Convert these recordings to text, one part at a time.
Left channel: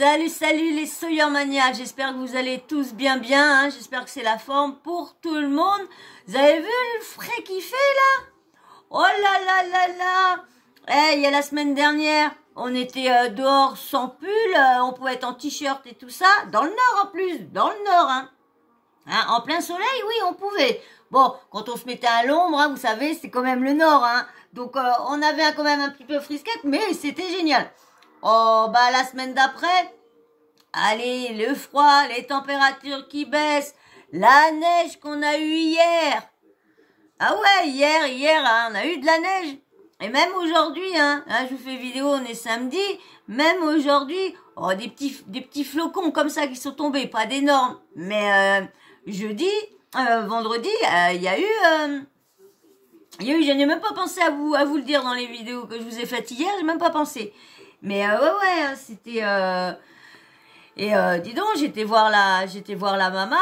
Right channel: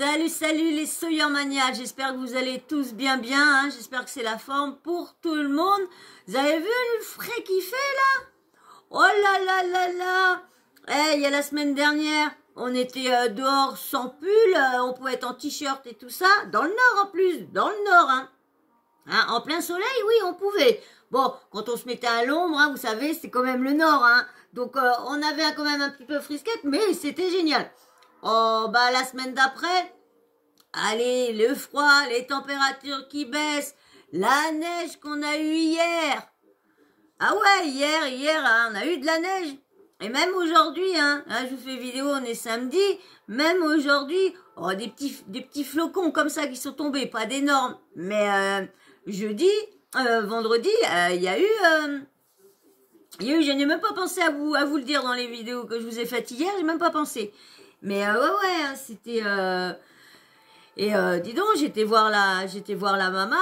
Salut, salut les Soyermaniacs, j'espère que vous allez tous bien, hein. J'espère que c'est la forme pour tout le monde. Vous avez vu le frais qu'il fait là? Oh là là là là. Il y a la semaine dernière, on était dehors sans pull, on pouvait être en t-shirt et tout ça, dans le nord en plus, dans le nord, hein. En plein soleil, oui, on pouvait. Bon, quand on se mettait à l'ombre, hein, vous savez, c'est quand même le nord, hein. Donc on avait quand même un petit peu frisquette, mais c'était génial. Oh, bah la semaine d'après, allez, le froid, les températures qui baissent, la neige qu'on a eue hier. Ah ouais, hier, hein, on a eu de la neige. Et même aujourd'hui, hein, je vous fais vidéo, on est samedi, même aujourd'hui, oh, des petits flocons comme ça qui sont tombés, pas d'énormes. Mais jeudi, vendredi, il y a eu, je n'ai même pas pensé à vous le dire dans les vidéos que je vous ai faites hier, j'ai même pas pensé. Mais ouais, hein, c'était dis donc, j'étais voir la maman.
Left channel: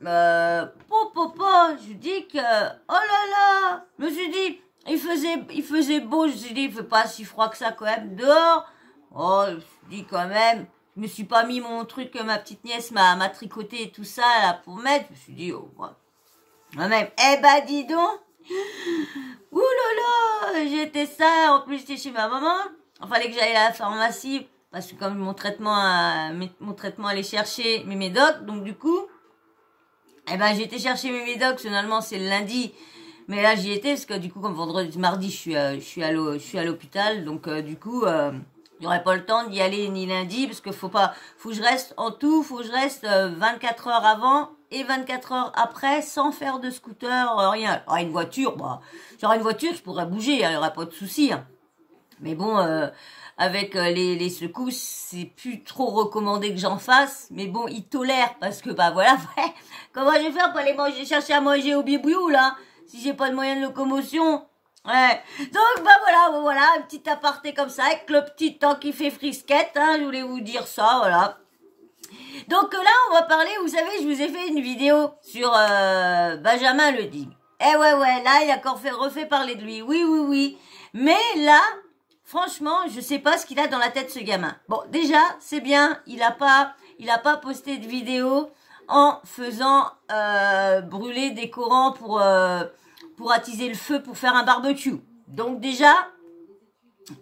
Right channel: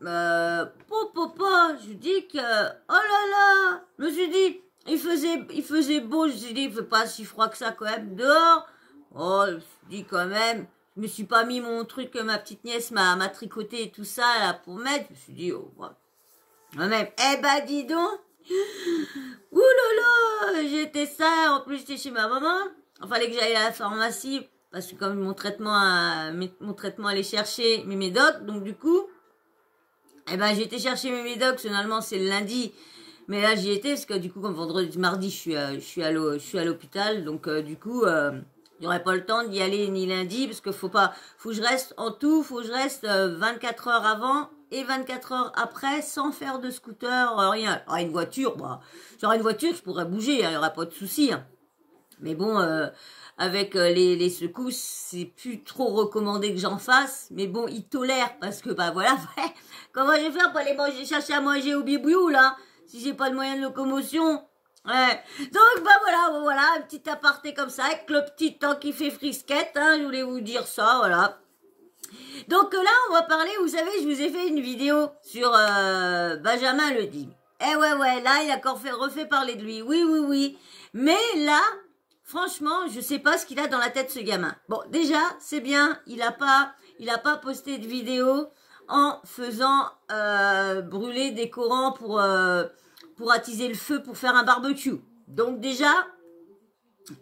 Je dis que oh là là, je me suis dit il faisait beau, je me suis dit il fait pas si froid que ça quand même dehors. Oh, je me suis dit quand même, je me suis pas mis mon truc que ma petite nièce m'a tricoté et tout ça là pour mettre. Je me suis dit oh ouais. Même dis donc. Ouh là là, j'étais ça, en plus j'étais chez ma maman. Il fallait que j'aille à la pharmacie parce que comme mon traitement allait chercher mes médocs, donc du coup, j'ai été chercher mes médocs, normalement c'est le lundi, mais là j'y étais parce que du coup comme mardi je suis à l'hôpital, donc du coup j'aurais pas le temps d'y aller ni lundi parce que faut que je reste 24 heures avant et 24 heures après sans faire de scooter, rien. Alors une voiture, j'aurais une voiture, je pourrais bouger, il y aurait pas de souci. Hein. Mais bon, avec les secousses, c'est plus trop recommandé que j'en fasse. Mais bon, ils tolèrent parce que voilà, comment je vais faire pour aller chercher à manger au bibouillou là, si j'ai pas de moyen de locomotion. Ouais. Donc voilà, un petit aparté comme ça avec le petit temps qui fait frisquette. Hein, je voulais vous dire ça, voilà. Donc là, on va parler. Vous savez, je vous ai fait une vidéo sur Benjamin le Digne. Ouais, là, il a encore refait parler de lui. Oui. Mais là. Franchement, je sais pas ce qu'il a dans la tête ce gamin. Bon, déjà, c'est bien, il a pas posté de vidéo en faisant brûler des Corans pour attiser le feu pour faire un barbecue. Donc déjà,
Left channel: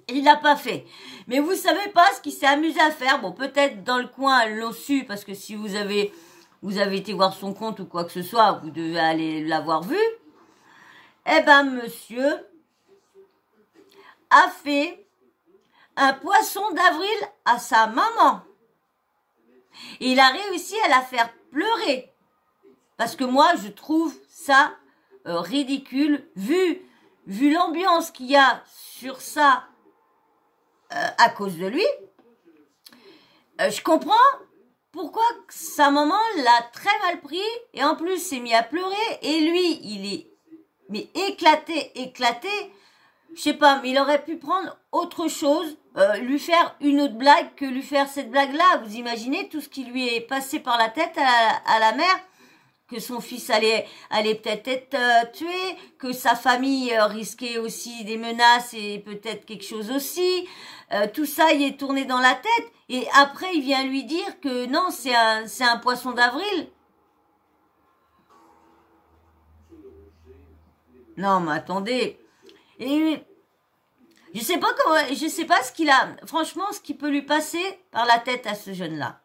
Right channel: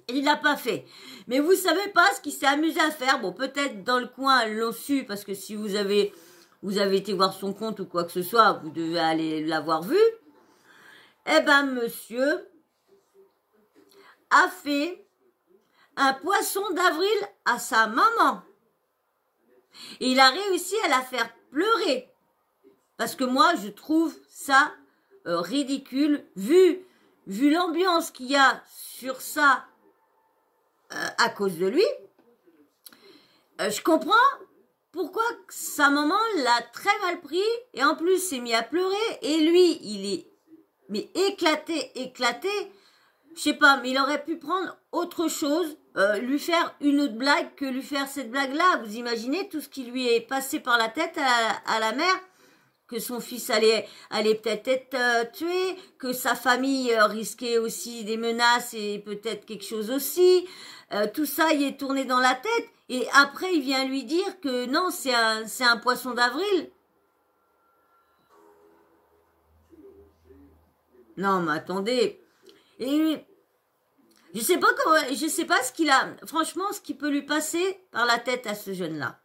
il l'a pas fait. Mais vous savez pas ce qu'il s'est amusé à faire. Bon, peut-être dans le coin l'ont su parce que si vous avez été voir son compte ou quoi que ce soit, vous devez aller l'avoir vu. Monsieur a fait un poisson d'avril à sa maman. Et il a réussi à la faire pleurer. Parce que moi, je trouve ça ridicule, vu l'ambiance qu'il y a sur ça à cause de lui. Je comprends pourquoi sa maman l'a très mal pris et en plus s'est mis à pleurer et lui, il est éclaté. Je sais pas, mais il aurait pu prendre autre chose, lui faire une autre blague que lui faire cette blague-là. Vous imaginez tout ce qui lui est passé par la tête à la mère, que son fils allait peut-être être tué, que sa famille risquait aussi des menaces et peut-être quelque chose aussi. Tout ça y est tourné dans la tête et après il vient lui dire que non, c'est un poisson d'avril. Non, mais attendez. Et je sais pas ce qu'il a, franchement, ce qui peut lui passer par la tête à ce jeune-là.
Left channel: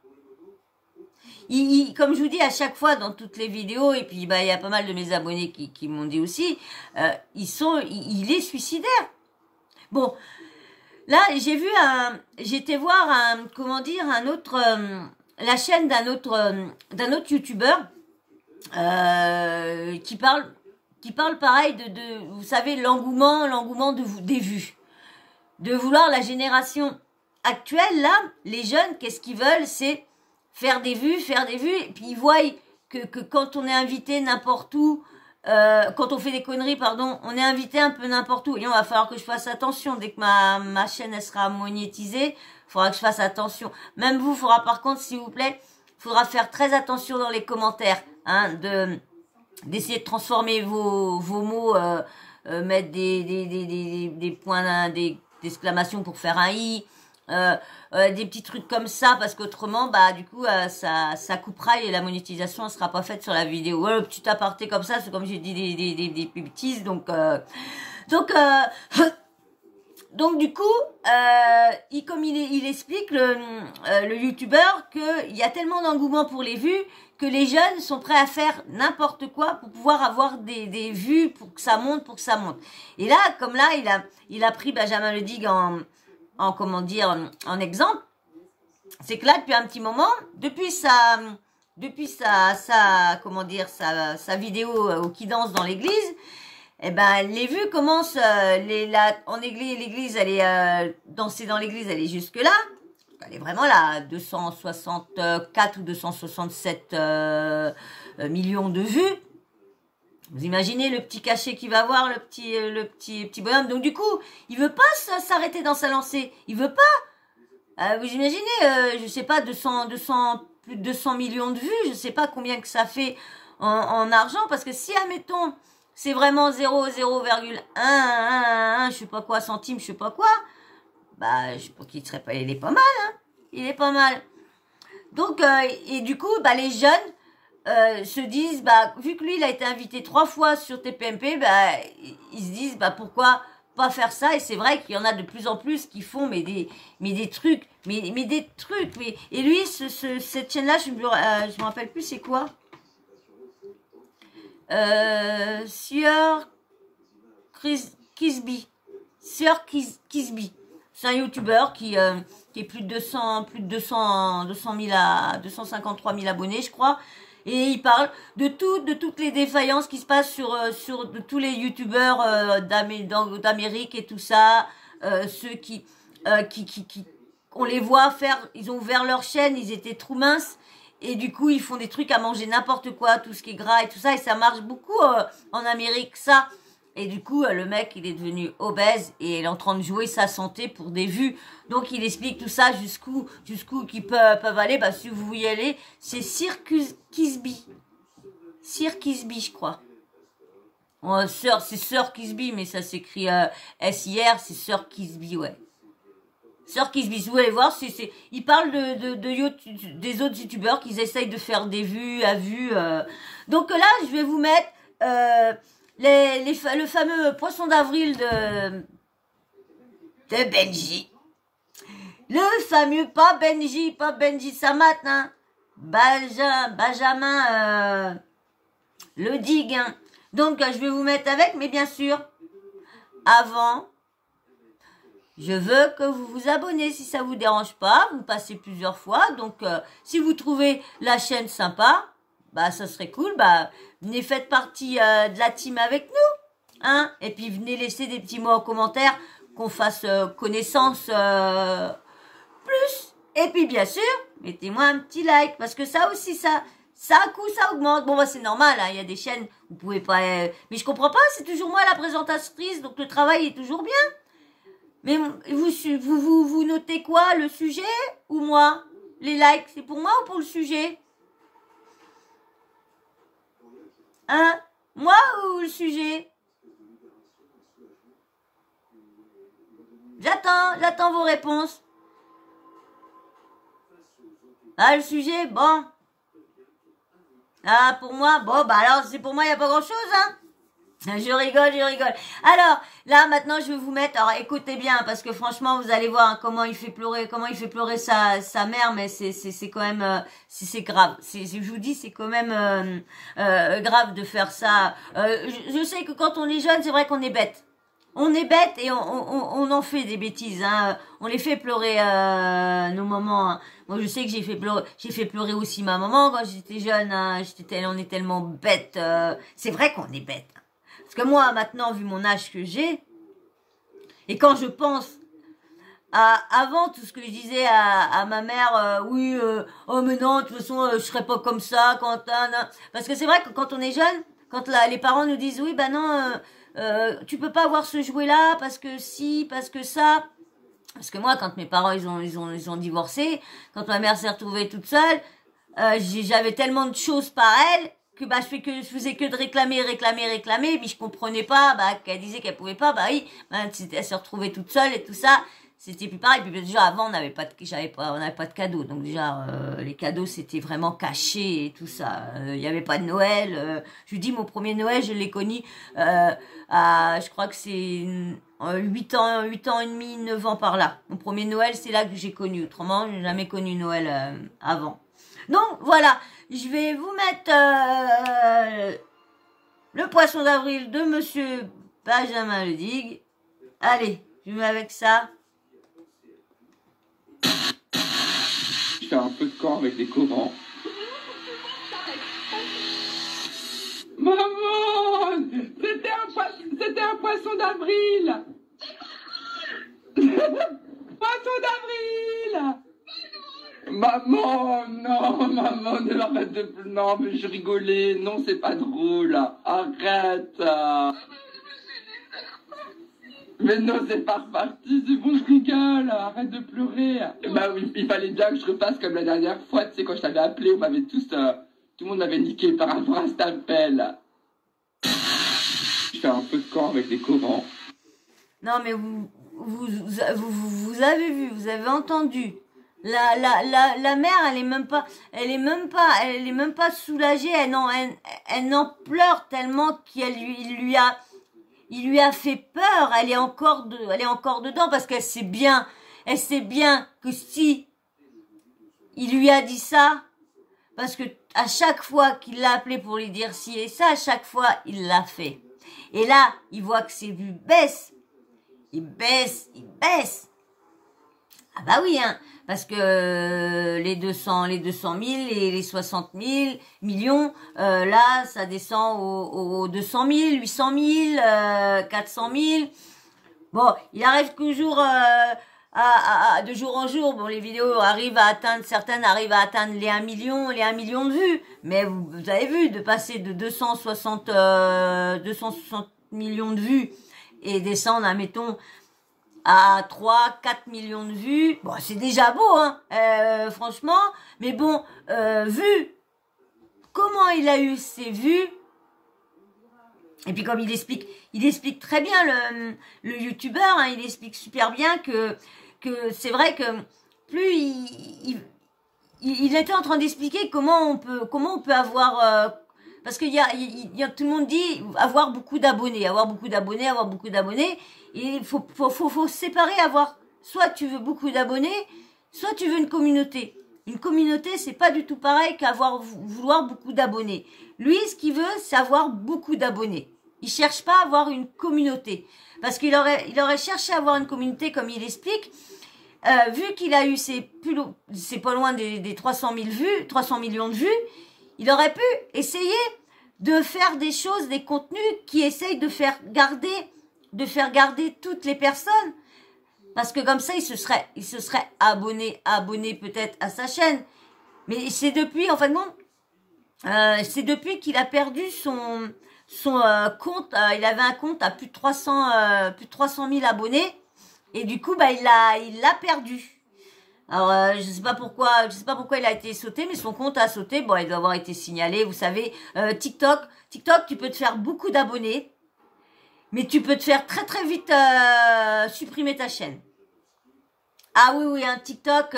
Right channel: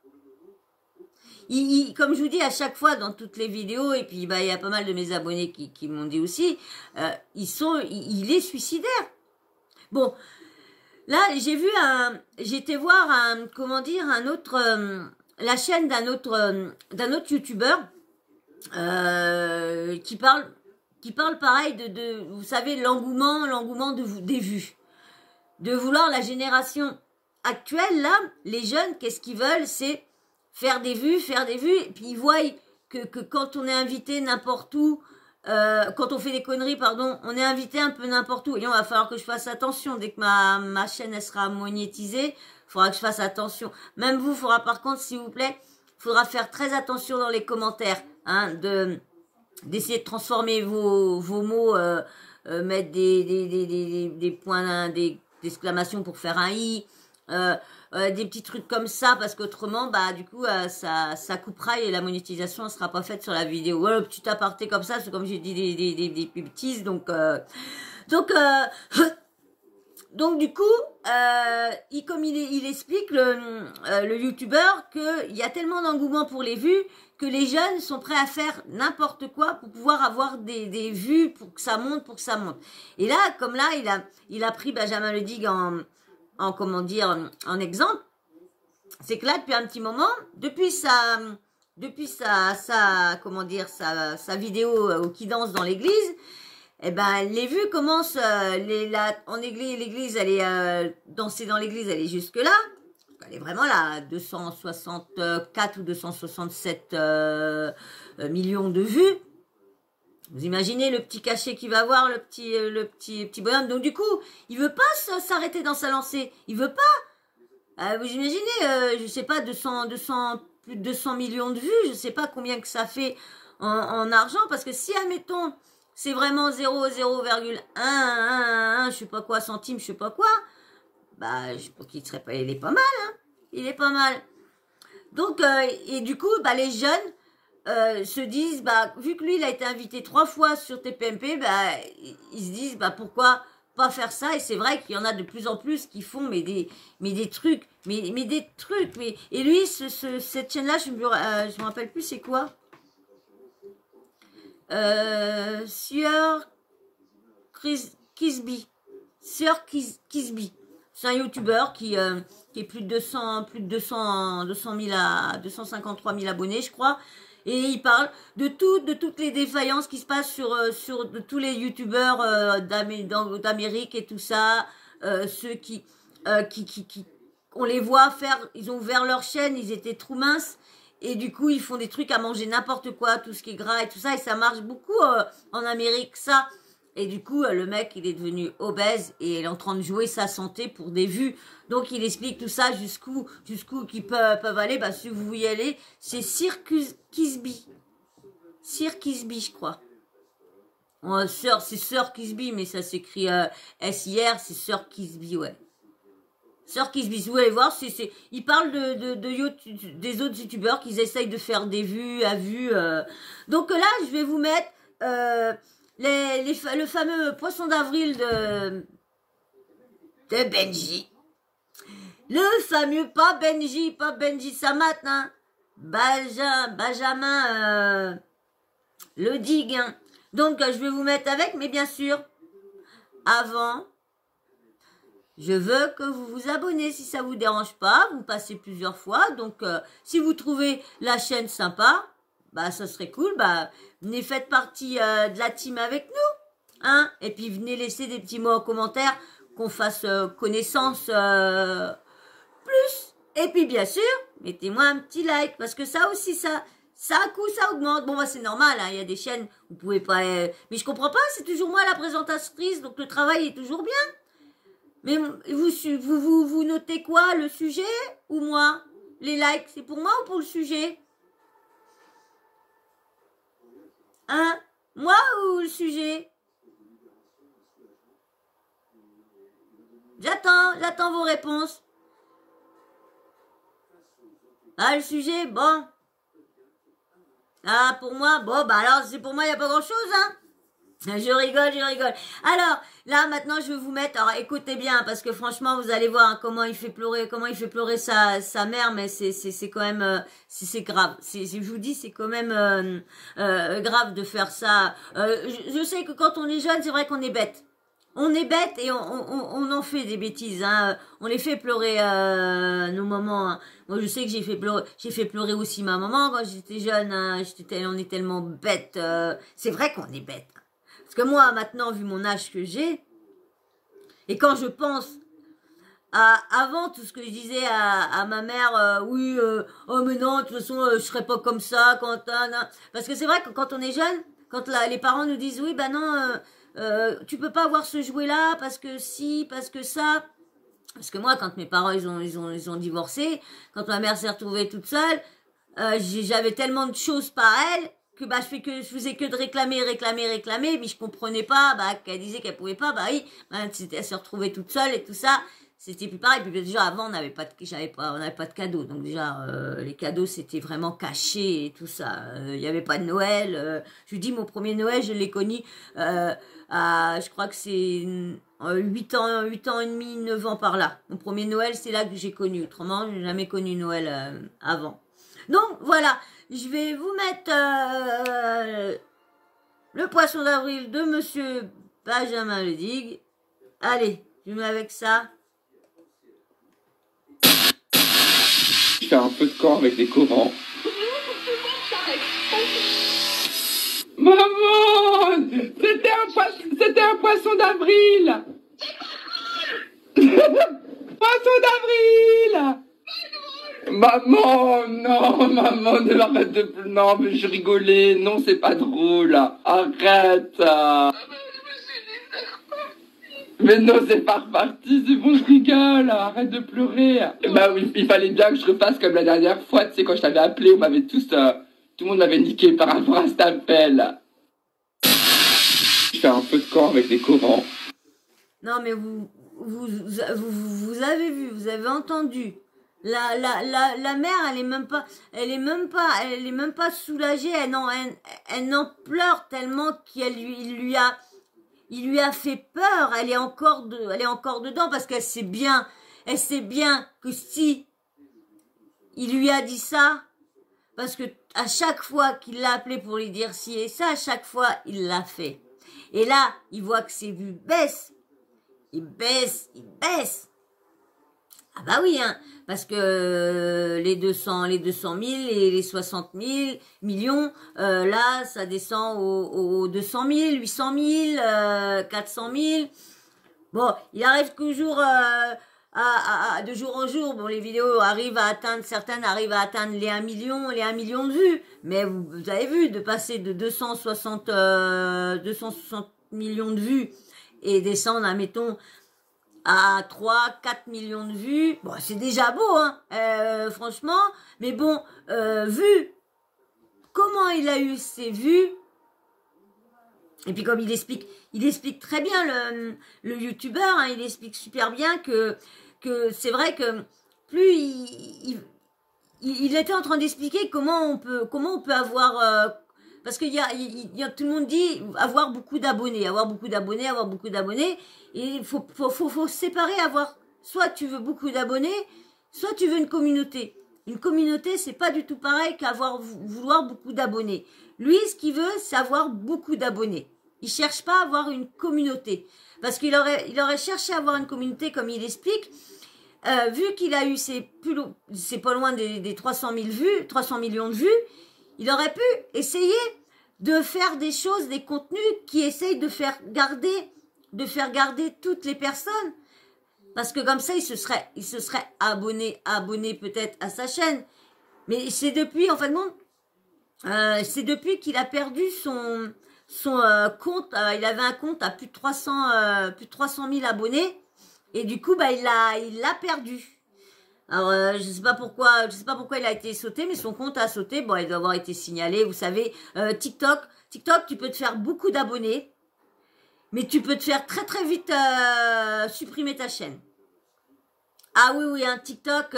Comme je vous dis à chaque fois dans toutes les vidéos, et puis il y a pas mal de mes abonnés qui m'ont dit aussi, il est suicidaire. Bon, là j'étais voir un autre, la chaîne d'un autre youtubeur qui parle pareil de vous savez l'engouement des vues. De vouloir la génération actuelle, là, les jeunes, qu'est-ce qu'ils veulent? C'est faire des vues, et puis ils voient que quand on est invité n'importe où, quand on fait des conneries, pardon, on est invité un peu n'importe où. Et on va falloir que je fasse attention. Dès que ma chaîne, elle sera monétisée, il faudra que je fasse attention. Même vous, il faudra par contre, s'il vous plaît, il faudra faire très attention dans les commentaires, hein, d'essayer de transformer vos mots, mettre des points, des d'exclamation pour faire un i, des petits trucs comme ça, parce qu'autrement, bah du coup, ça coupera et la monétisation ne sera pas faite sur la vidéo. Ouais, petit aparté comme ça, c'est comme j'ai dit des bêtises, donc donc du coup, comme il explique le youtubeur qu'il y a tellement d'engouement pour les vues que les jeunes sont prêts à faire n'importe quoi pour pouvoir avoir des vues, pour que ça monte, Et là, comme là, il a pris Benjamin Ledig en comment dire, en exemple, c'est que là, depuis un petit moment, depuis sa comment dire, sa vidéo qui danse dans l'église, eh ben, les vues commencent, en église, l'église, elle est, danser dans l'église, elle est jusque là. Elle est vraiment là, 264 ou 267 millions de vues. Vous imaginez le petit cachet qu'il va avoir, le petit bonhomme. Donc du coup, il veut pas s'arrêter dans sa lancée. Il veut pas. Vous imaginez, je sais pas, plus de 200 millions de vues. Je sais pas combien que ça fait en argent, parce que si admettons c'est vraiment 0,1, je sais pas quoi, centime, je sais pas quoi, bah, je pense qu'il serait pas, il est pas mal, hein. Il est pas mal. Donc, et du coup, bah, les jeunes, se disent, bah, vu que lui, il a été invité 3 fois sur TPMP, bah, ils se disent, bah, pourquoi pas faire ça? Et c'est vrai qu'il y en a de plus en plus qui font, mais des trucs, des trucs, et lui, cette chaîne-là, je me rappelle plus c'est quoi? Sieur Kisby. Sieur Kisby. C'est un youtubeur qui est plus de 253 000 abonnés, je crois. Et il parle de toutes les défaillances qui se passent sur de tous les youtubeurs d'Amérique et tout ça. Ceux qui on les voit faire, ils ont ouvert leur chaîne, ils étaient trop minces. Et du coup, ils font des trucs à manger n'importe quoi, tout ce qui est gras et tout ça. Et ça marche beaucoup en Amérique, ça. Et du coup, le mec, il est devenu obèse et il est en train de jouer sa santé pour des vues. Donc, il explique tout ça jusqu'où qu'ils peuvent aller. Bah, si vous y allez, c'est Sir Kisby. Sir Kisby, je crois. C'est Sir Kisby, mais ça s'écrit S-I-R, c'est Sir Kisby, ouais. Sir Kisby, vous allez voir, il parle des autres youtubeurs qui essayent de faire des vues à vue. Donc là, je vais vous mettre le fameux poisson d'avril de Benji. Le fameux, pas Benji Samat, hein. Benjamin Ledig. Hein. Donc, je vais vous mettre avec, mais bien sûr, avant... Je veux que vous vous abonnez si ça vous dérange pas. Vous passez plusieurs fois. Donc, si vous trouvez la chaîne sympa, bah, ça serait cool. Bah, venez faites partie de la team avec nous. Hein? Et puis, venez laisser des petits mots en commentaire qu'on fasse connaissance plus. Et puis, bien sûr, mettez-moi un petit like. Parce que ça aussi, ça à coup, ça augmente. Bon, bah, c'est normal. Hein, il y a des chaînes, vous pouvez pas... mais je comprends pas. C'est toujours moi la présentatrice. Donc, le travail est toujours bien. Mais vous notez quoi? Le sujet ou moi? Les likes, c'est pour moi ou pour le sujet? Hein? Moi ou le sujet? J'attends vos réponses. Ah, le sujet, bon. Ah, pour moi, bon, bah alors, c'est pour moi, il n'y a pas grand-chose, hein? Je rigole. Alors, là, maintenant, je vais vous mettre... Alors, écoutez bien, parce que franchement, vous allez voir hein, comment il fait pleurer sa mère, mais c'est quand même... c'est grave. Je vous dis, c'est quand même grave de faire ça. Je sais que quand on est jeune, c'est vrai qu'on est bête. On est bête et on en fait des bêtises. Hein. On les fait pleurer nos mamans. Hein. Moi, je sais que j'ai fait pleurer aussi ma maman quand j'étais jeune. Hein. On est tellement bête. C'est vrai qu'on est bête. Parce que moi, maintenant, vu mon âge que j'ai, et quand je pense avant tout ce que je disais à ma mère, oui, oh mais non, de toute façon, je serais pas comme ça, parce que c'est vrai que quand on est jeune, quand les parents nous disent, oui, bah non, tu peux pas avoir ce jouet-là, parce que si, parce que ça... Parce que moi, quand mes parents, ils ont divorcé, quand ma mère s'est retrouvée toute seule, j'avais tellement de choses par elle, que bah je faisais que de réclamer, mais je comprenais pas, bah qu'elle disait qu'elle pouvait pas, bah oui, bah, elle s'est retrouvée toute seule et tout ça. c'était plus pareil. Puis déjà avant, on n'avait pas de cadeaux. Donc déjà, les cadeaux, c'était vraiment caché et tout ça. Il n'y avait pas de Noël. Je vous dis, mon premier Noël, je l'ai connu je crois que c'est 8 ans et demi, 9 ans par là. Mon premier Noël, c'est là que j'ai connu. Autrement, je n'ai jamais connu Noël avant. Donc voilà, je vais vous mettre le poisson d'avril de Monsieur Benjamin Ledig. Allez, je mets avec ça. Je fais un peu de camp avec des corans. Maman, c'était un poisson d'avril. Poisson d'avril. Maman, non, maman, ne m'arrête de... Non, mais je rigolais. Non, c'est pas drôle. Arrête. Mais non, c'est pas reparti, c'est bon, je rigole, arrête de pleurer. Bah oui, il fallait bien que je refasse comme la dernière fois, tu sais, quand je t'avais appelé, on m'avait tous, tout le monde m'avait niqué par rapport à cet appel. Je fais un peu de camp avec des corans. Non, mais vous avez vu, vous avez entendu. La mère, elle est même pas soulagée, elle n'en pleure tellement il lui a fait peur, elle est encore dedans parce qu'elle sait bien que si il lui a dit ça, parce que à chaque fois qu'il l'a appelé pour lui dire ci et ça, à chaque fois il l'a fait. Et là, il voit que ses vues baissent, il baisse. Ah bah oui, hein, parce que les 200 000 et les 60 000 millions, là, ça descend aux 200 000, 800 000, 400 000. Bon, il arrive toujours de jour en jour. Bon, les vidéos certaines arrivent à atteindre les 1 million de vues. Mais vous avez vu, de passer de 260 millions de vues et descendre, admettons, à 3-4 millions de vues, bon, c'est déjà beau, hein, franchement, mais bon, vu comment il a eu ses vues, et puis comme il explique très bien le youtubeur, hein, il explique super bien que c'est vrai que plus il était en train d'expliquer comment on peut avoir parce qu'il y a tout le monde dit avoir beaucoup d'abonnés, et il faut séparer, soit tu veux beaucoup d'abonnés, soit tu veux une communauté. Une communauté, c'est pas du tout pareil vouloir beaucoup d'abonnés. Lui, ce qu'il veut, c'est avoir beaucoup d'abonnés. Il cherche pas à avoir une communauté. Parce qu'il aurait cherché à avoir une communauté, comme il explique, vu qu'il a eu c'est pas loin des 300 000 vues, 300 millions de vues, il aurait pu essayer de faire des choses, des contenus qui essayent de faire garder toutes les personnes. Parce que comme ça, il se serait abonné peut-être à sa chaîne. Mais c'est depuis, en fin de compte, c'est depuis qu'il a perdu son compte. Il avait un compte à plus de 300 000 abonnés. Et du coup, bah, il l'a perdu. Alors, je sais pas pourquoi il a été sauté, mais son compte a sauté. Bon, il doit avoir été signalé. Vous savez, TikTok, tu peux te faire beaucoup d'abonnés, mais tu peux te faire très très vite supprimer ta chaîne. Ah oui, hein, TikTok,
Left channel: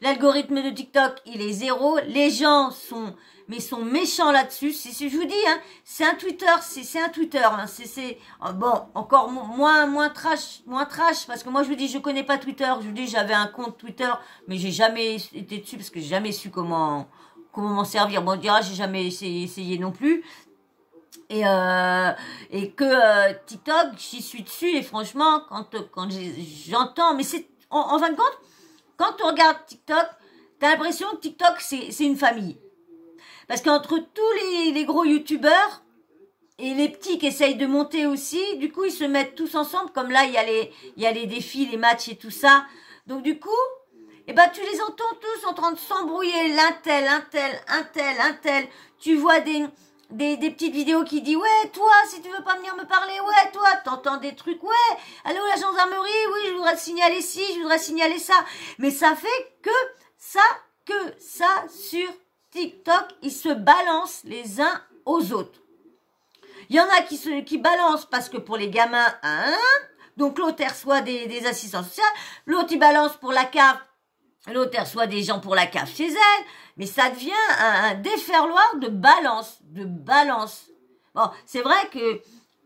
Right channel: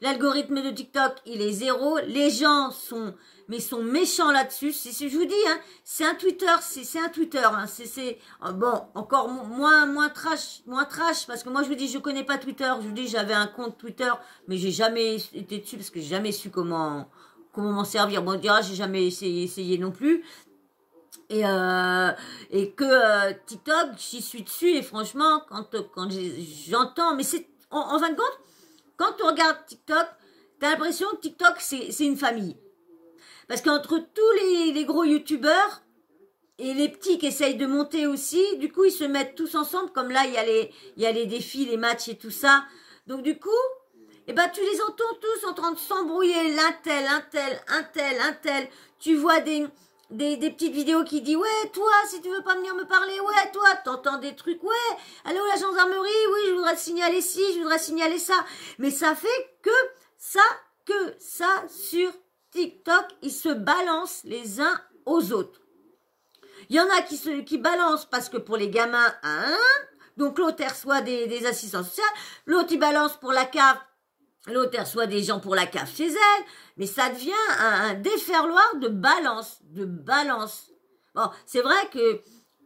l'algorithme de TikTok, il est zéro. Les gens sont méchants là-dessus. Je vous dis, hein, c'est un Twitter, hein, bon, encore moins trash, parce que moi je vous dis, je connais pas Twitter. Je vous dis, j'avais un compte Twitter, mais j'ai jamais été dessus parce que j'ai jamais su comment m'en servir. Bon, on dira, j'ai jamais essayé non plus. Et que TikTok, j'y suis dessus, et franchement, quand j'entends, mais c'est en fin de compte, quand tu regardes TikTok, t'as l'impression que TikTok, c'est une famille. Parce qu'entre tous les gros youtubeurs et les petits qui essayent de monter aussi, du coup, ils se mettent tous ensemble. Comme là, il y a les défis, les matchs et tout ça. Donc, du coup, eh ben, tu les entends tous en train de s'embrouiller. Un tel. Tu vois des petites vidéos qui disent, ouais, toi, si tu veux pas venir me parler, ouais, toi, t'entends des trucs, ouais, allô, la gendarmerie, oui, je voudrais te signaler ci, je voudrais signaler ça. Mais ça fait que ça sur TikTok, ils se balancent les uns aux autres. Il y en a qui balancent parce que pour les gamins, hein, Donc l'autre, elle reçoit des assistances sociales. L'autre, il balance pour la cave. L'autre, elle reçoit des gens pour la cave chez elle. Mais ça devient un déferloir de balance. Bon, c'est vrai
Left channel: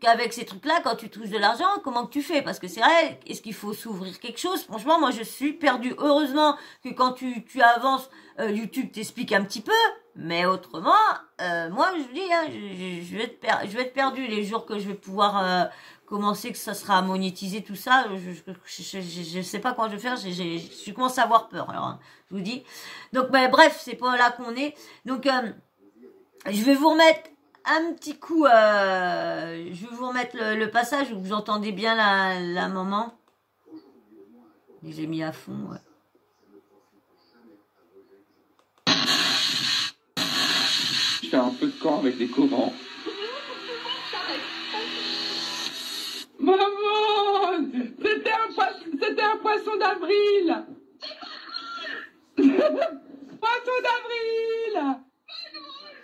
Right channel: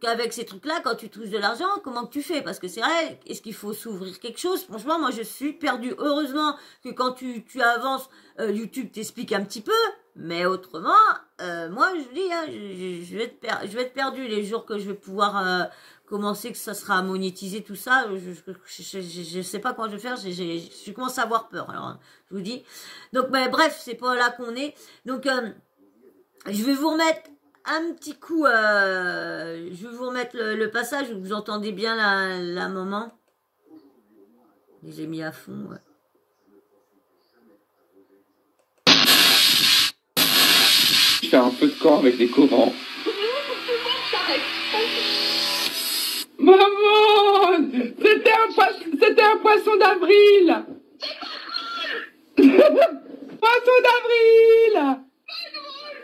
qu'avec ces trucs-là, quand tu touches de l'argent, comment que tu fais? Parce que c'est vrai, est-ce qu'il faut s'ouvrir quelque chose? Franchement, moi, je suis perdue. Heureusement que quand tu avances, YouTube t'explique un petit peu. Mais autrement, moi, je vous dis, hein, je vais être perdue les jours que je vais pouvoir commencer, que ça sera monétisé, tout ça. Je sais pas comment je vais faire. Je commence à avoir peur. Alors, hein, je vous dis. Donc, ben, bref, c'est pas là qu'on est. Donc, je vais vous remettre un petit coup. Je vais vous remettre le passage où vous entendez bien la maman. J'ai mis à fond. Ouais. Je fais un feu de camp avec des corans. Maman, c'était un poisson d'avril. Poisson d'avril.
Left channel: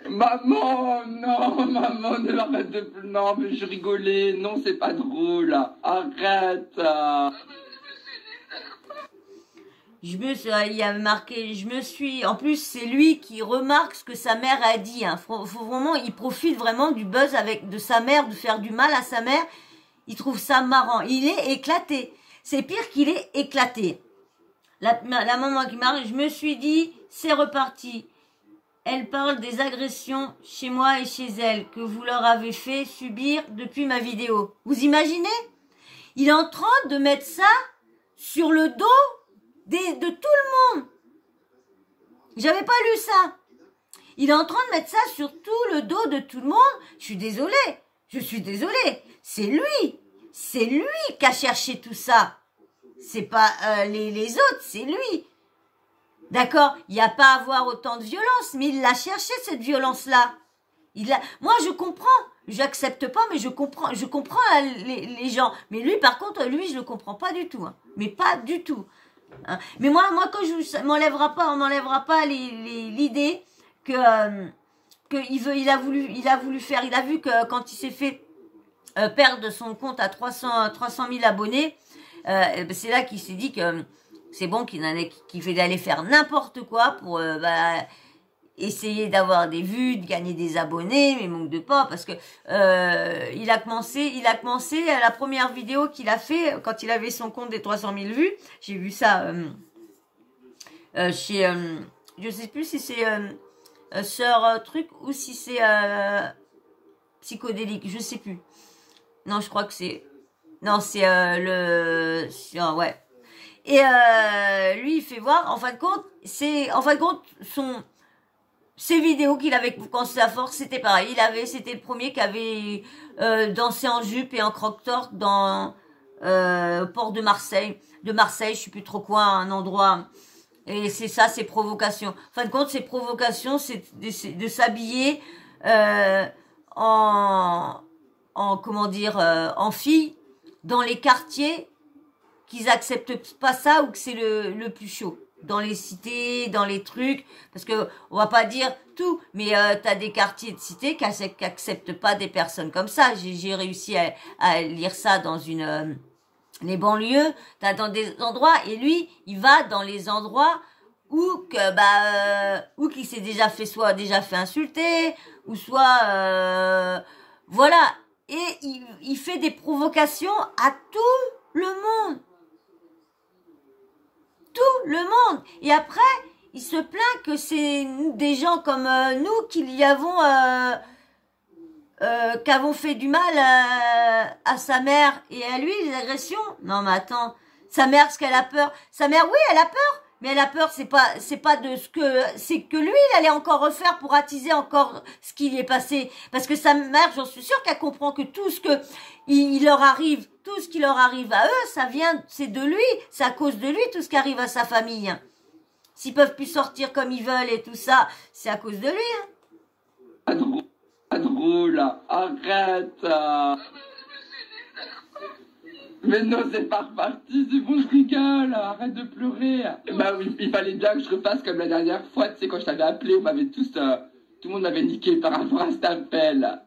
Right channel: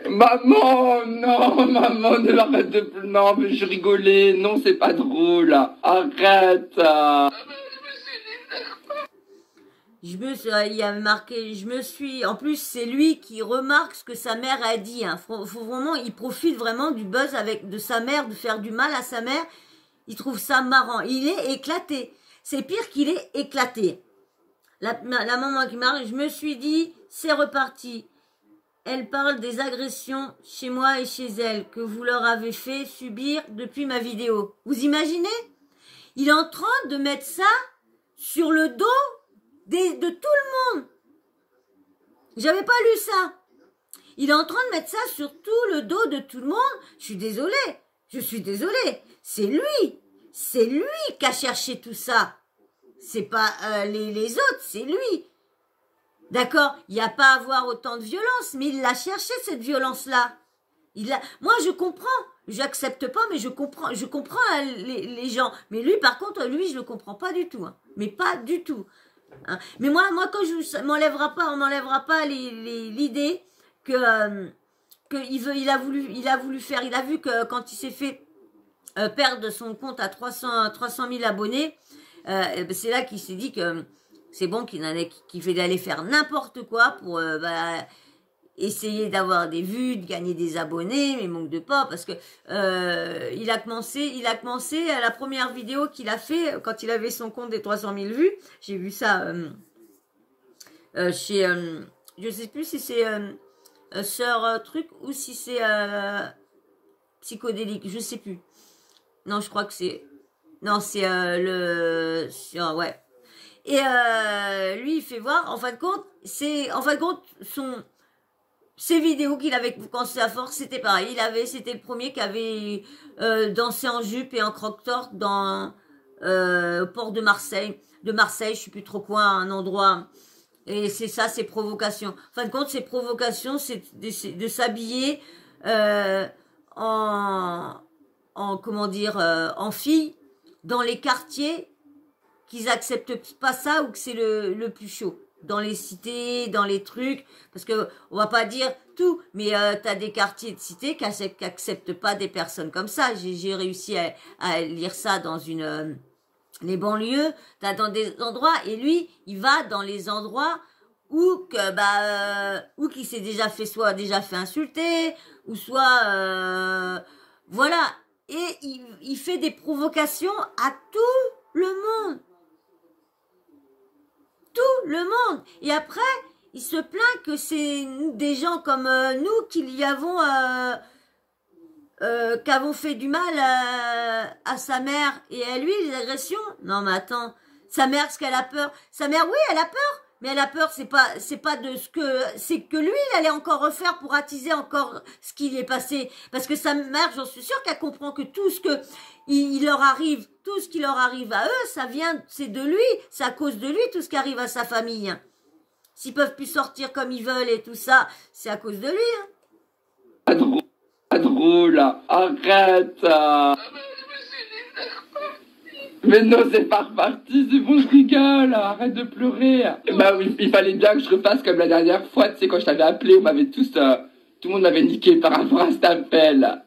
Maman, non, maman, ne l'arrête de plus. Non, mais je rigolais. Non, c'est pas drôle. Arrête. Il y avait marqué, en plus, c'est lui qui remarque ce que sa mère a dit, hein. Faut vraiment, il profite vraiment du buzz de sa mère, de faire du mal à sa mère. Il trouve ça marrant. Il est éclaté. C'est pire qu'il est éclaté. La maman qui marche, je me suis dit, c'est reparti. Elle parle des agressions chez moi et chez elle que vous leur avez fait subir depuis ma vidéo. Vous imaginez? Il est en train de mettre ça sur le dos de tout le monde. J'avais pas lu ça. Il est en train de mettre ça sur tout le dos de tout le monde. Je suis désolée. C'est lui qui a cherché tout ça. C'est pas les autres, c'est lui. D'accord, il n'y a pas à avoir autant de violence, mais il l'a cherché cette violence-là. Moi, je comprends. J'accepte pas, mais je comprends les gens. Mais lui, par contre, je le comprends pas du tout. Hein. Mais pas du tout. Hein. Mais moi, quand on m'enlèvera pas l'idée que il a voulu faire. Il a vu que quand il s'est fait perdre son compte à 300 000 abonnés, c'est là qu'il s'est dit que c'est bon qu'il fait d'aller faire n'importe quoi pour essayer d'avoir des vues, de gagner des abonnés, mais manque de pas parce que il a commencé à la première vidéo qu'il a fait quand il avait son compte des 300 000 vues. J'ai vu ça chez je sais plus si c'est Sœur Truc ou si c'est Psychodélique, je sais plus. Non, je crois que c'est ouais. Et lui, il fait voir, en fin de compte, ses vidéos qu'il avait commencé à force, c'était pareil. C'était le premier qui avait dansé en jupe et en croque-torque dans au port de Marseille. Je sais plus trop quoi, un endroit. Et c'est ça, ses provocations. En fin de compte, ses provocations, c'est de s'habiller en fille dans les quartiers qu'ils acceptent pas ça ou que c'est le plus chaud. Dans les cités, dans les trucs, parce que on va pas dire tout, mais t'as des quartiers de cités qui acceptent pas des personnes comme ça. J'ai réussi à lire ça dans les banlieues, t'as dans des endroits, et lui, il va dans les endroits où qu'il s'est déjà fait insulter, ou soit voilà, et il fait des provocations à tout le monde. Tout le monde. Et après, il se plaint que c'est des gens comme nous qui avons fait du mal à sa mère et à lui, les agressions. Non, mais attends, sa mère, est-ce qu'elle a peur? Sa mère, oui, elle a peur. Mais elle a peur, c'est pas de c'est que lui, il allait encore refaire pour attiser encore ce qui lui est passé. Parce que sa mère, j'en suis sûre qu'elle comprend que tout ce que il leur arrive, tout ce qui leur arrive à eux, c'est de lui, c'est à cause de lui, tout ce qui arrive à sa famille. S'ils peuvent plus sortir comme ils veulent et tout ça, c'est à cause de lui. Pas drôle, arrête. Mais non, c'est pas reparti, c'est bon, je rigole, arrête de pleurer. Bah oui, il fallait bien que je refasse comme la dernière fois, tu sais, quand je t'avais appelé, tout le monde m'avait niqué par rapport à cet appel.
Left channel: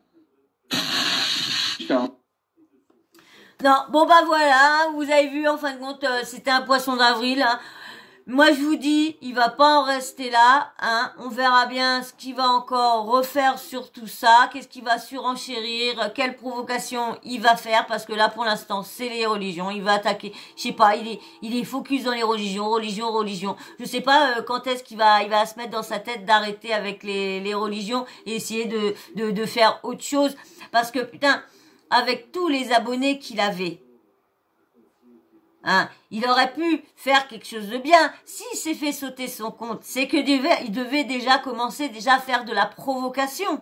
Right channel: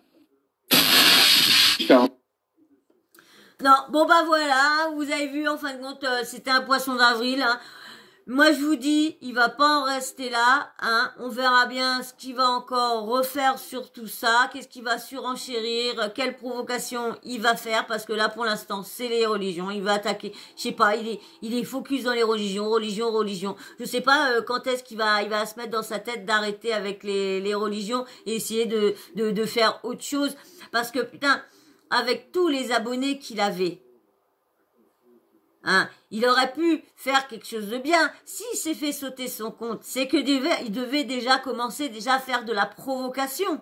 Non, bon bah voilà, vous avez vu, en fin de compte, c'était un poisson d'avril. Hein. Moi, je vous dis, il va pas en rester là. Hein. On verra bien ce qu'il va encore refaire sur tout ça. Qu'est-ce qu'il va surenchérir, quelle provocation il va faire. Parce que là, pour l'instant, c'est les religions. Il va attaquer, je sais pas, il est focus dans les religions. Je sais pas quand est-ce il va se mettre dans sa tête d'arrêter avec les religions et essayer de faire autre chose. Parce que, putain, avec tous les abonnés qu'il avait, hein, il aurait pu faire quelque chose de bien. S'il s'est fait sauter son compte, c'est que il devait déjà commencer à faire de la provocation.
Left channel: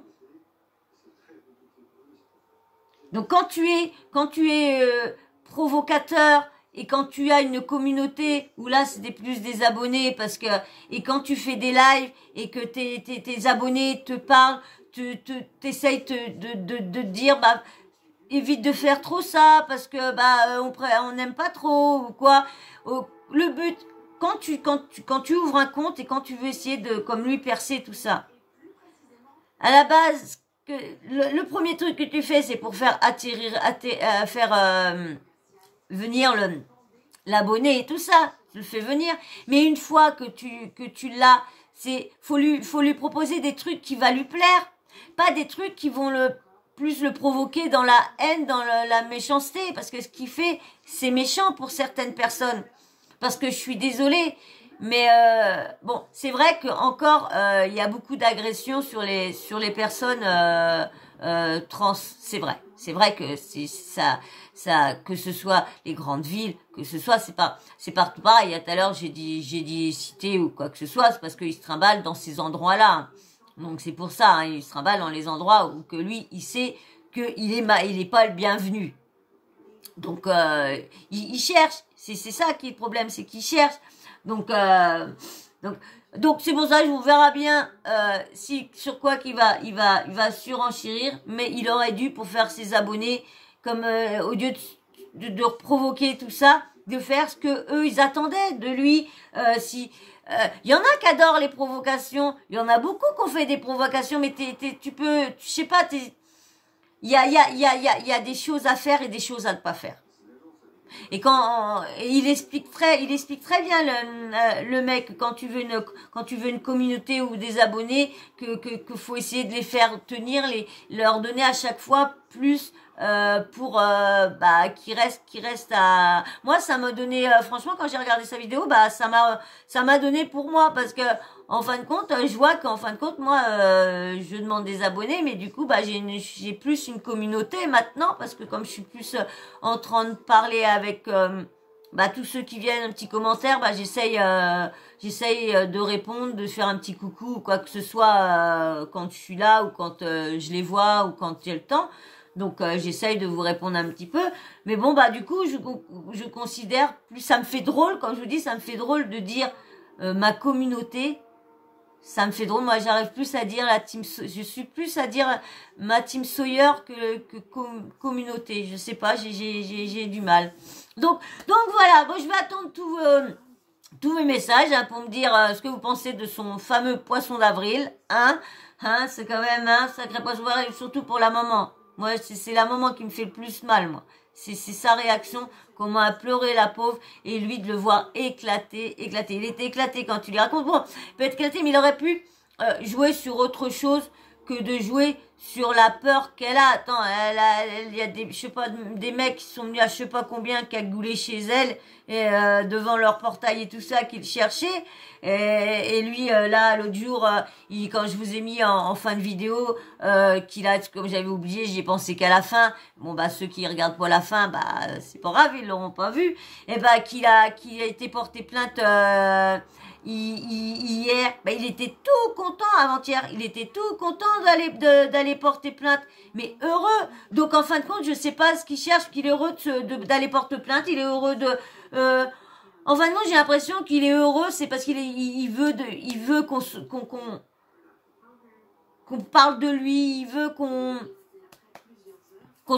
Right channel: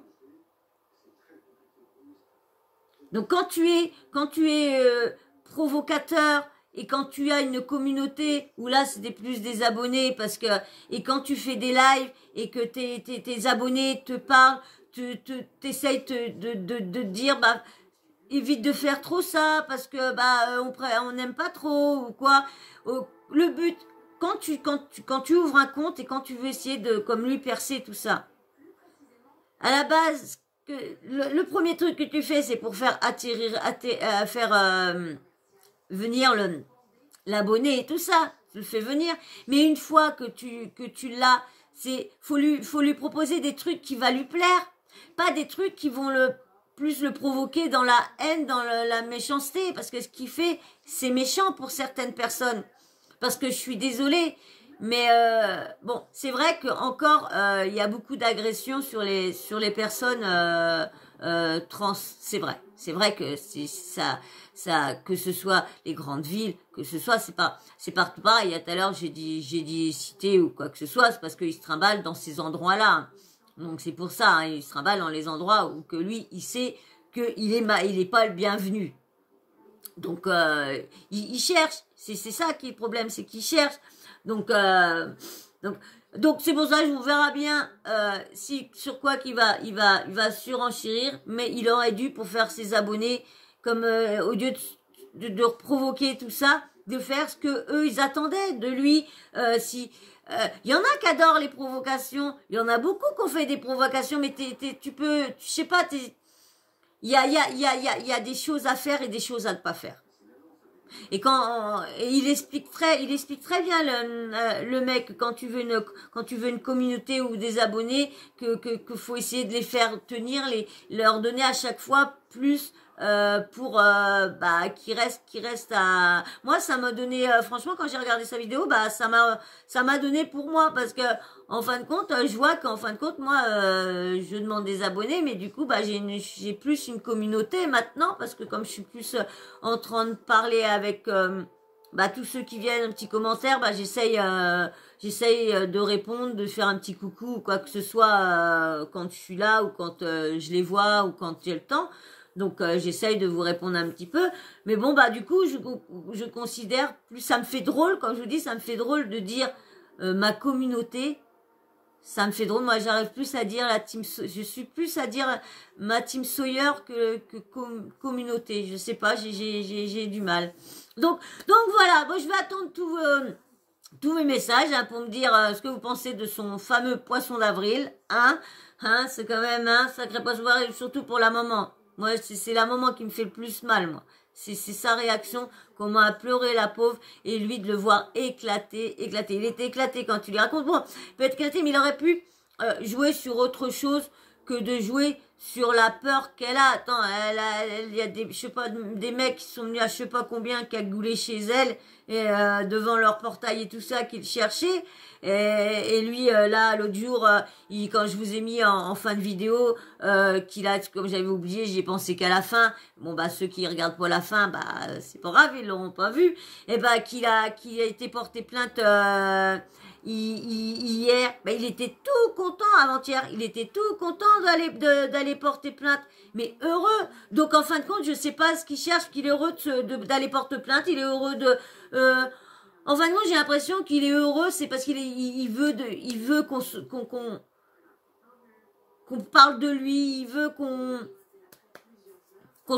Donc quand tu es provocateur et quand tu as une communauté où là c'est plus des abonnés et quand tu fais des lives et que tes abonnés te parlent, t'essayes de dire bah évite de faire trop ça parce que on n'aime pas trop ou quoi. Le but quand tu ouvres un compte et quand tu veux essayer de comme lui percer tout ça, à la base le premier truc que tu fais c'est pour faire venir l'abonné et tout ça, tu le fais venir, mais une fois que tu l'as, faut lui proposer des trucs qui va lui plaire, pas des trucs qui vont plus le provoquer dans la haine, dans la méchanceté, parce que ce qu'il fait, c'est méchant pour certaines personnes. Parce que je suis désolée, mais bon, c'est vrai que encore il y a beaucoup d'agressions sur les personnes trans. C'est vrai que c'est ça, que ce soit les grandes villes, que ce soit, c'est partout pareil. Tout à l'heure j'ai dit cité ou quoi que ce soit, c'est parce qu'ils se trimballent dans ces endroits-là. Donc c'est pour ça, hein, il se trimballe dans les endroits où que lui, il sait qu'il est pas le bienvenu. Donc il cherche, c'est ça qui est le problème, c'est qu'il cherche. Donc c'est pour ça que on verra bien sur quoi qu'il il va surenchérir, mais il aurait dû pour faire ses abonnés comme au lieu de provoquer tout ça, de faire ce que eux ils attendaient de lui. Il y en a qui adorent les provocations, il y en a beaucoup qui ont fait des provocations, mais je sais pas, il y a des choses à faire et des choses à ne pas faire. Et il explique très bien le mec quand tu veux une communauté ou des abonnés que faut essayer de les faire tenir, leur donner à chaque fois plus pour qui reste à moi. Ça m'a donné franchement quand j'ai regardé sa vidéo, ça m'a donné pour moi, parce que en fin de compte je vois qu'en fin de compte moi je demande des abonnés, mais du coup j'ai plus une communauté maintenant, parce que comme je suis plus en train de parler avec tous ceux qui viennent, un petit commentaire, j'essaye de répondre, de faire un petit coucou ou quoi que ce soit quand je suis là ou quand je les vois ou quand j'ai le temps. Donc j'essaye de vous répondre un petit peu, mais bon du coup je considère plus, ça me fait drôle quand je vous dis, ça me fait drôle de dire ma communauté, ça me fait drôle. Moi j'arrive plus à dire je suis plus à dire ma team Sawyer que communauté, je sais pas, j'ai du mal. Donc voilà, bon, je vais attendre tous mes messages pour me dire ce que vous pensez de son fameux poisson d'avril, hein, c'est quand même un sacré poisson d'avril, surtout pour la maman. Moi, c'est la maman qui me fait le plus mal, moi. C'est sa réaction, comment a pleuré la pauvre, et lui de le voir éclater. Il était éclaté quand tu lui racontes. Bon, il peut être éclaté, mais il aurait pu jouer sur autre chose que de jouer sur la peur qu'elle a. Attends, il y a des mecs qui sont venus à je sais pas combien cagouler chez elle, et devant leur portail et tout ça, qu'ils cherchaient. Et lui, là, l'autre jour, quand je vous ai mis en fin de vidéo, qu'il a, comme j'avais oublié, j'y ai pensé qu'à la fin. Bon, ceux qui regardent pas la fin, c'est pas grave, ils l'auront pas vu. Et qu'il a été porté plainte, hier, il était tout content avant-hier, il était tout content d'aller porter plainte, mais heureux. Donc en fin de compte, je sais pas ce qu'il cherche, qu'il est heureux d'aller porter plainte, il est heureux de en fin de compte, j'ai l'impression qu'il est heureux, c'est parce qu'il veut qu'on parle de lui, il veut qu'on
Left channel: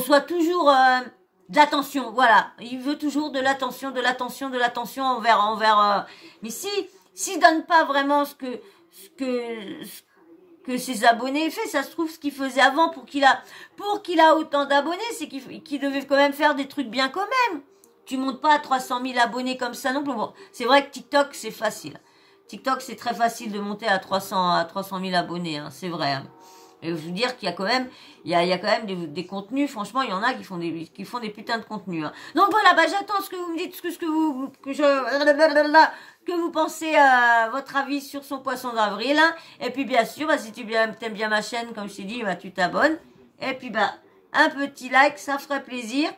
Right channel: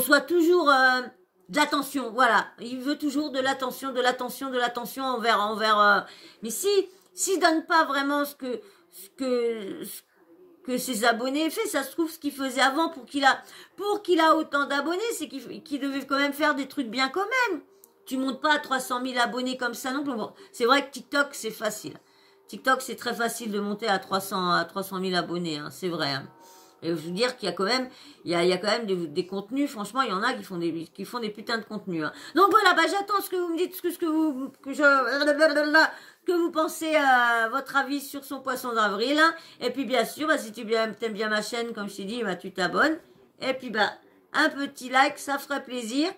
soit toujours de l'attention, voilà, il veut toujours de l'attention envers mais s'il donne pas vraiment ce que que ses abonnés aient fait. Ça se trouve, ce qu'il faisait avant pour qu'il a autant d'abonnés, c'est qu'il devait quand même faire des trucs bien quand même. Tu montes pas à 300 000 abonnés comme ça non plus. Bon, c'est vrai que TikTok, c'est facile. TikTok, c'est très facile de monter à 300 000 abonnés, hein, c'est vrai. Hein. Et je veux dire qu'il y a quand même, il y a quand même des contenus. Franchement, il y en a qui font des putains de contenus. Hein. Donc voilà, bah j'attends ce que vous me dites, que vous pensez, votre avis sur son poisson d'avril. Hein. Et puis bien sûr, bah, si tu aimes bien ma chaîne, comme je t'ai dit, bah tu t'abonnes. Et puis bah un petit like, ça ferait plaisir.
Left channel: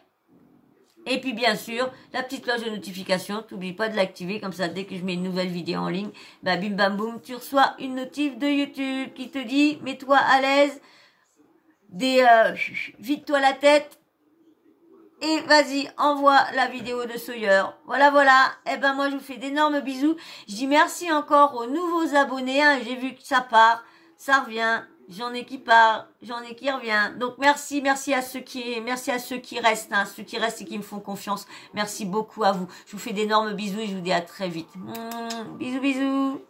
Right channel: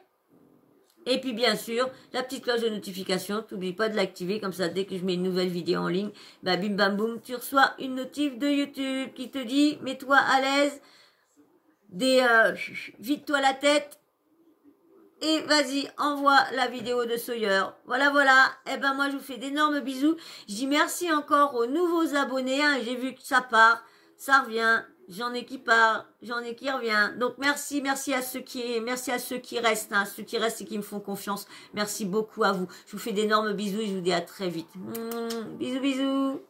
Et puis bien sûr, la petite cloche de notification, t'oublie pas de l'activer, comme ça dès que je mets une nouvelle vidéo en ligne, bah bim bam boum, tu reçois une notif de YouTube qui te dit mets-toi à l'aise, vide-toi la tête et vas-y, envoie la vidéo de Sawyer. Voilà, voilà. Et ben moi je vous fais d'énormes bisous. Je dis merci encore aux nouveaux abonnés, hein, j'ai vu que ça part, ça revient. J'en ai qui part, j'en ai qui revient. Donc merci à ceux qui restent, hein, ceux qui restent et qui me font confiance. Merci beaucoup à vous. Je vous fais d'énormes bisous et je vous dis à très vite. Bisous, bisous.